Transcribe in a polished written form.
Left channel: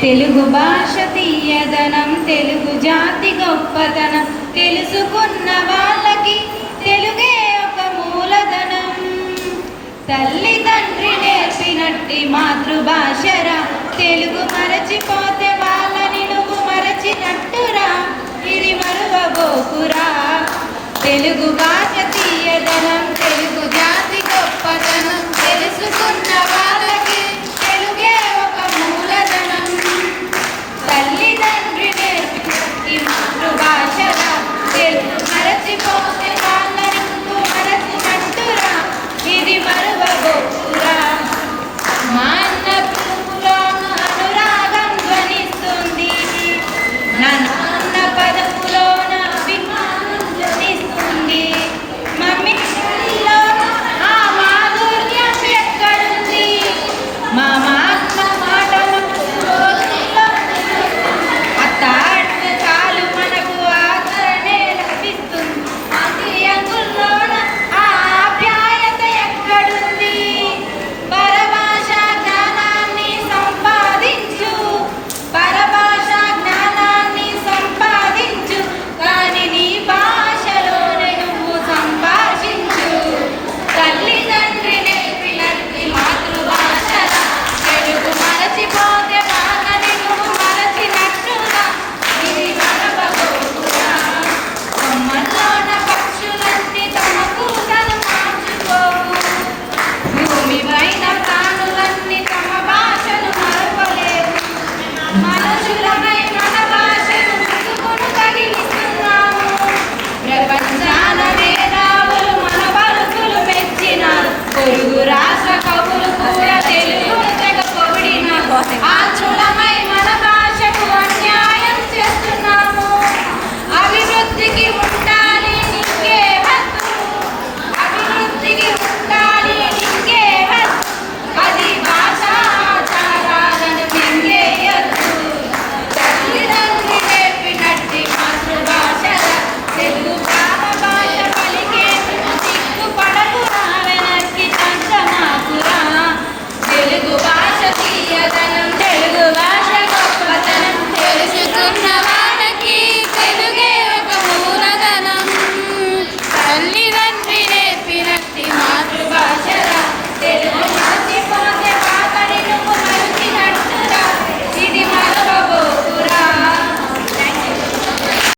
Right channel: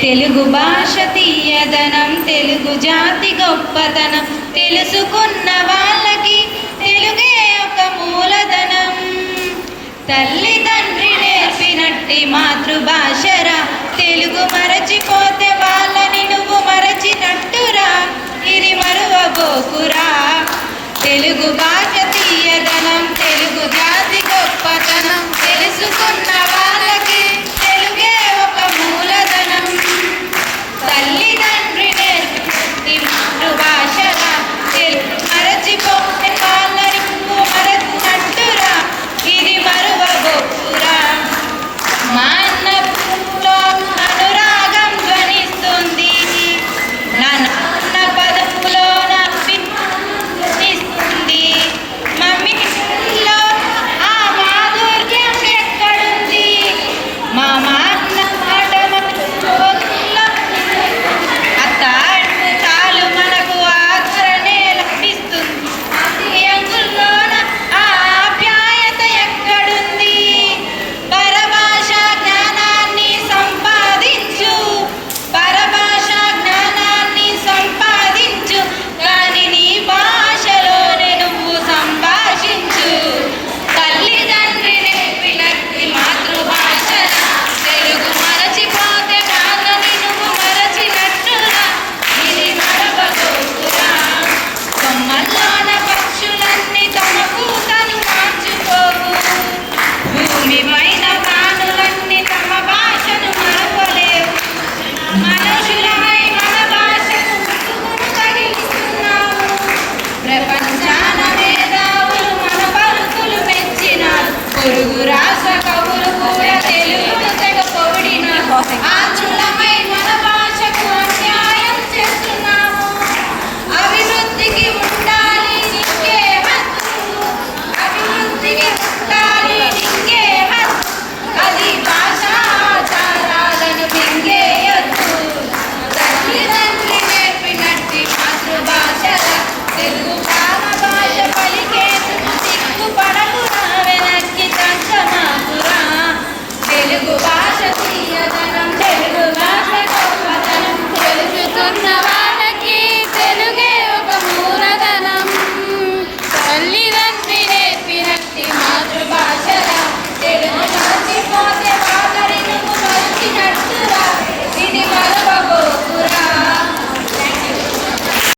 తెలుగు భాష తీయదనం, తెలుగు జాతి గొప్పతనం, తెలుసుకున్న వాళ్ళకి తెలుగే ఒక మూలధనం. తల్లి తండ్రి నేర్పినట్టి మాతృభాషరా, తెలుగు మరచిపోతే వాళ్ళని నువ్వు మరచినట్టురా, ఇది మరువబోకురా. తెలుగు భాష తీయదనం, తెలుగు జాతి గొప్పతనం, తెలుసుకున్నవా